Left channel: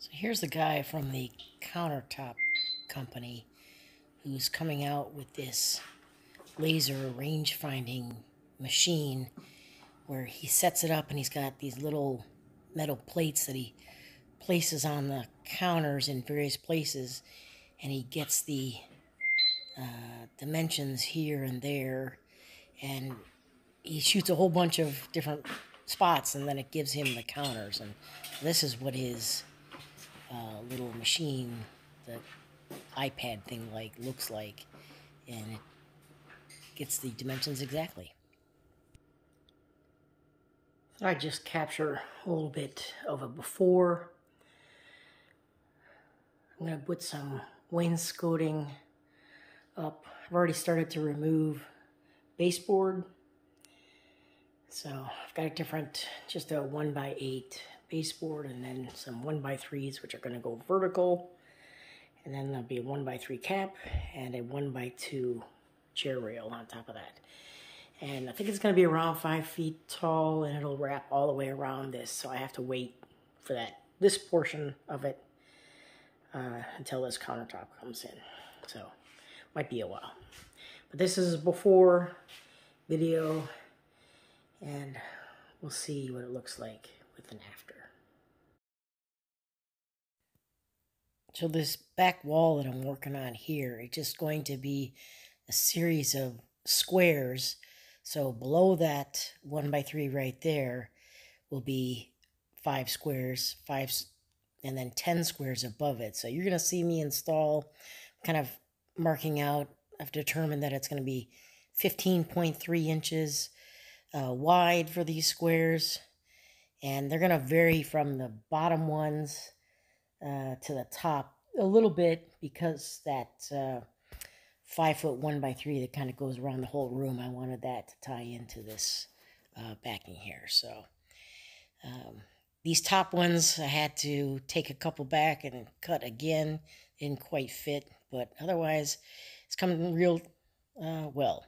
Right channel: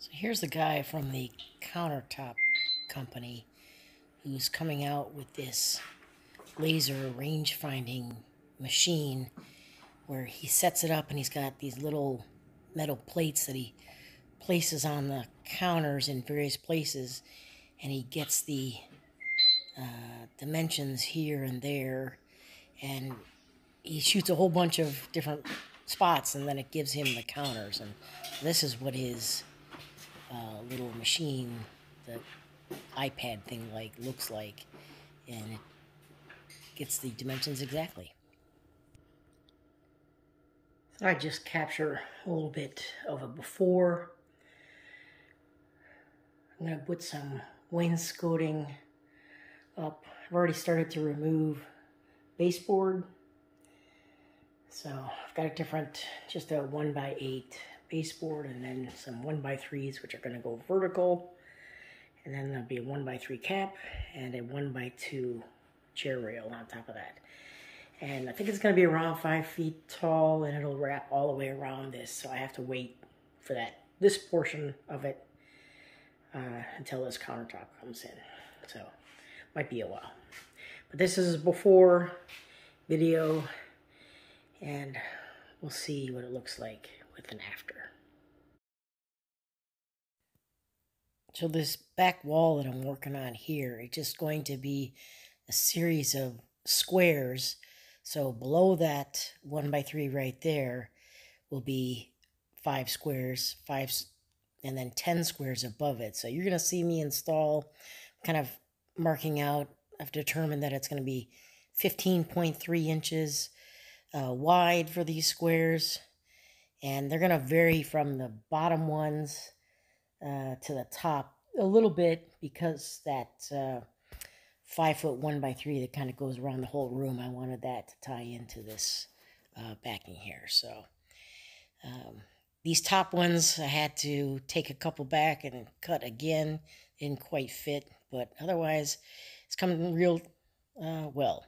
So here's the guy from the countertop company who's coming out with this laser range finding machine where he sets it up and he's got these little metal plates that he places on the counters in various places, and he gets the dimensions here and there, and he shoots a whole bunch of different spots, and then it gives him the counters. And this is what his little machine, the iPad thing, looks like, and it gets the dimensions exactly. I just capture a little bit of a before. I'm going to put some wainscoting up. I've already started to remove baseboard. So I've got a different, just a 1x8 baseboard, and then some 1x3s, which are going to go vertical. And then there'll be a 1x3 cap and a 1x2 chair rail on top of that. And I think it's going to be around 5 feet tall, and it'll wrap all the way around this. So I have to wait for this portion of it until this countertop comes in. So might be a while. But this is before video, and we'll see what it looks like with and after. So this back wall that I'm working on here, it's just going to be a series of squares. So below that 1x3 right there will be 5 squares, and then 10 squares above it. So you're going to see me install, kind of marking out. I've determined that it's going to be 15.3 inches wide for these squares, and they're going to vary from the bottom ones to the top a little bit, because that 5 foot 1x3 that kind of goes around the whole room, I wanted that to tie into this backing here. So these top ones I had to take a couple back and cut again. Didn't quite fit, but otherwise it's coming real well.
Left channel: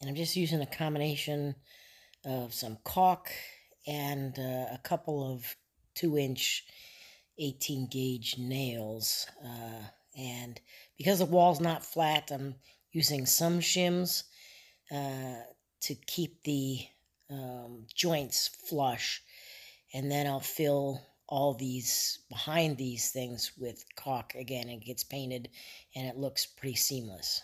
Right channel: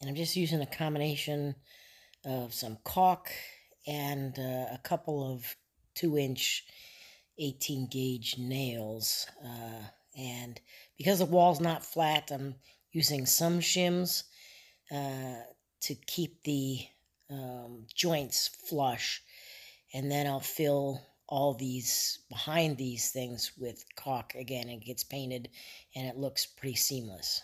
And I'm just using a combination of some caulk and a couple of 2-inch 18 gauge nails. And because the wall's not flat, I'm using some shims to keep the joints flush. And then I'll fill all these behind these things with caulk again. It gets painted and it looks pretty seamless.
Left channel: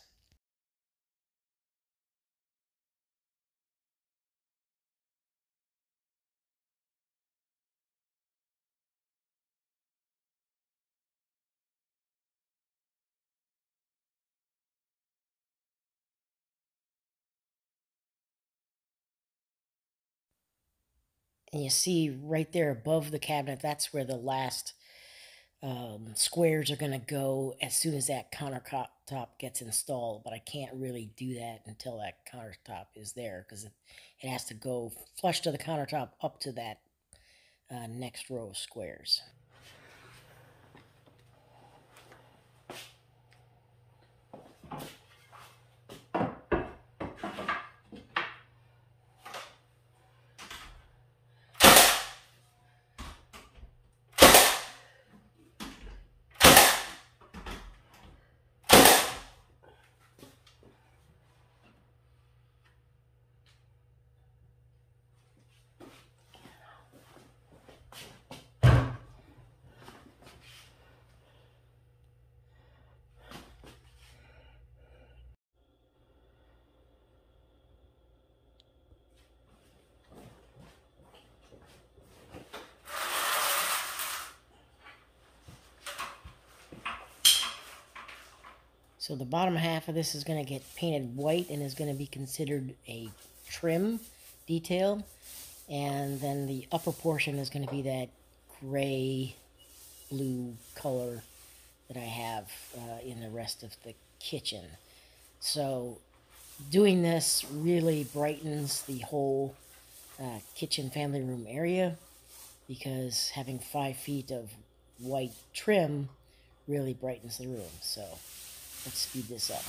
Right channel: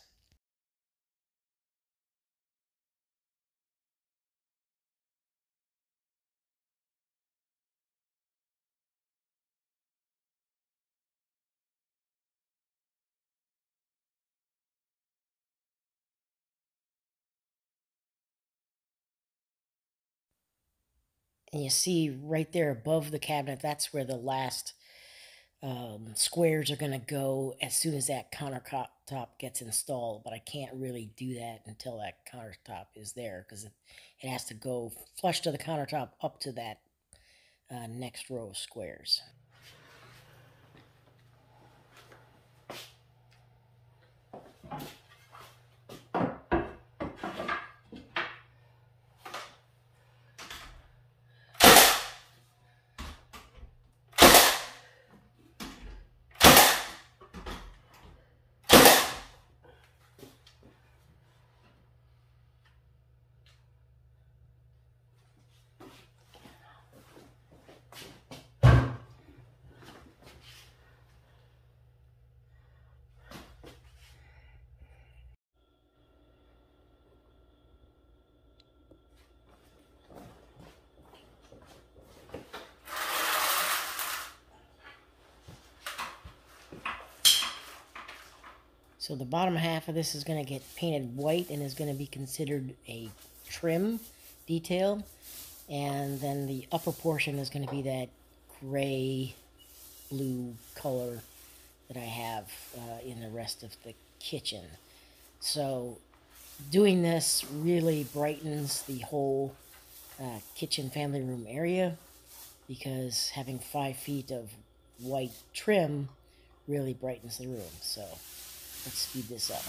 And you see right there above the cabinet, that's where the last squares are going to go as soon as that countertop gets installed. But I can't really do that until that countertop is there, because it has to go flush to the countertop up to that next row of squares. So the bottom half of this is going to get painted white and is going to be considered a trim detail. And then the upper portion is going to be that gray blue color that I have in the rest of the kitchen. So doing this really brightens the whole kitchen family room area, because having 5 feet of white trim really brightens the room. So let's speed this up.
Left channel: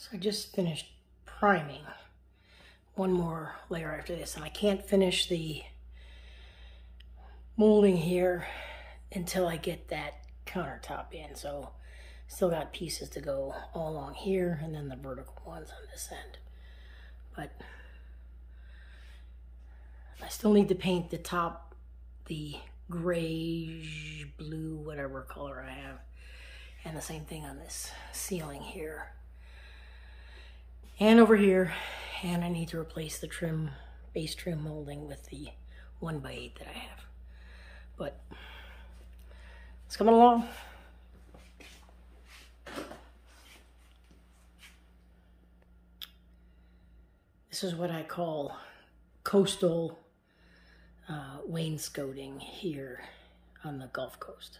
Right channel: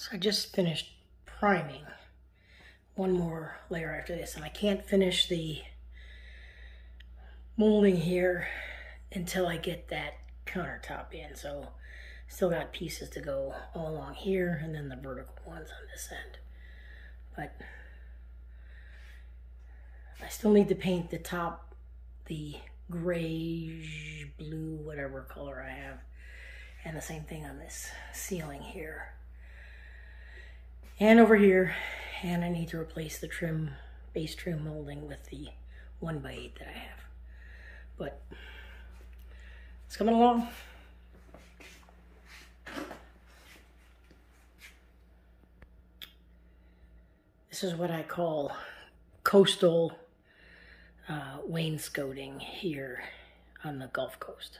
So I just finished priming. One more layer after this, and I can't finish the molding here until I get that countertop in. So still got pieces to go all along here, and then the vertical ones on this end. But I still need to paint the top, the grayish blue, whatever color I have. And the same thing on this ceiling here. And over here. And I need to replace the trim, base trim molding with the 1x8 that I have. But it's coming along. This is what I call coastal wainscoting here on the Gulf Coast.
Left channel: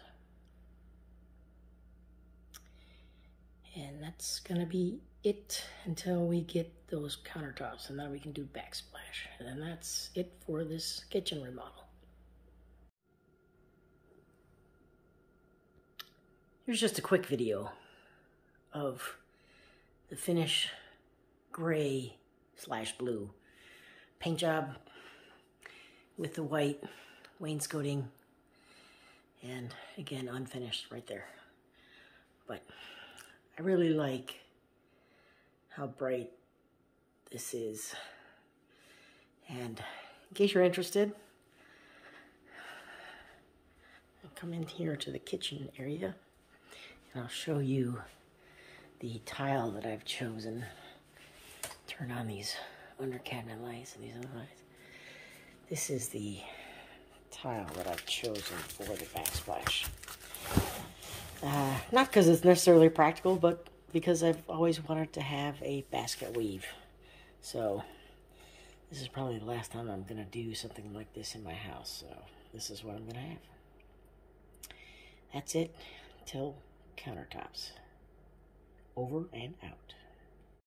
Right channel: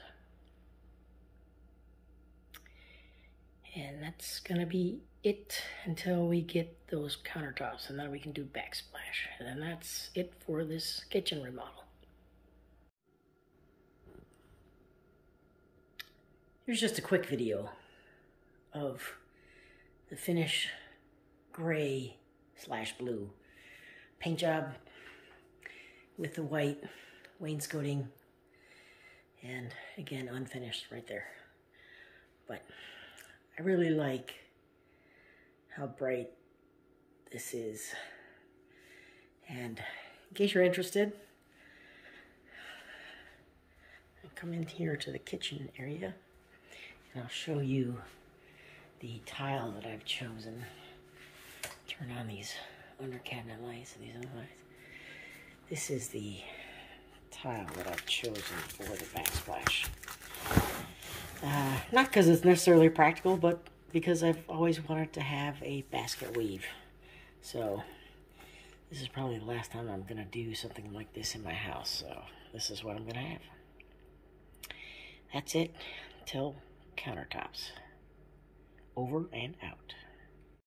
And that's gonna be it until we get those countertops, and then we can do backsplash. And then that's it for this kitchen remodel. Here's just a quick video of the finish gray / blue paint job with the white wainscoting, and again unfinished right there. But I really like how bright this is, and in case you're interested, I'll come in here to the kitchen area and I'll show you the tile that I've chosen. Turn on these under cabinet lights and these other lights. This is the tile that I've chosen for the backsplash. Not because it's necessarily practical, but because I've always wanted to have a basket weave. So this is probably the last time I'm going to do something like this in my house. So this is what I'm going to have. That's it. Till countertops. Over and out.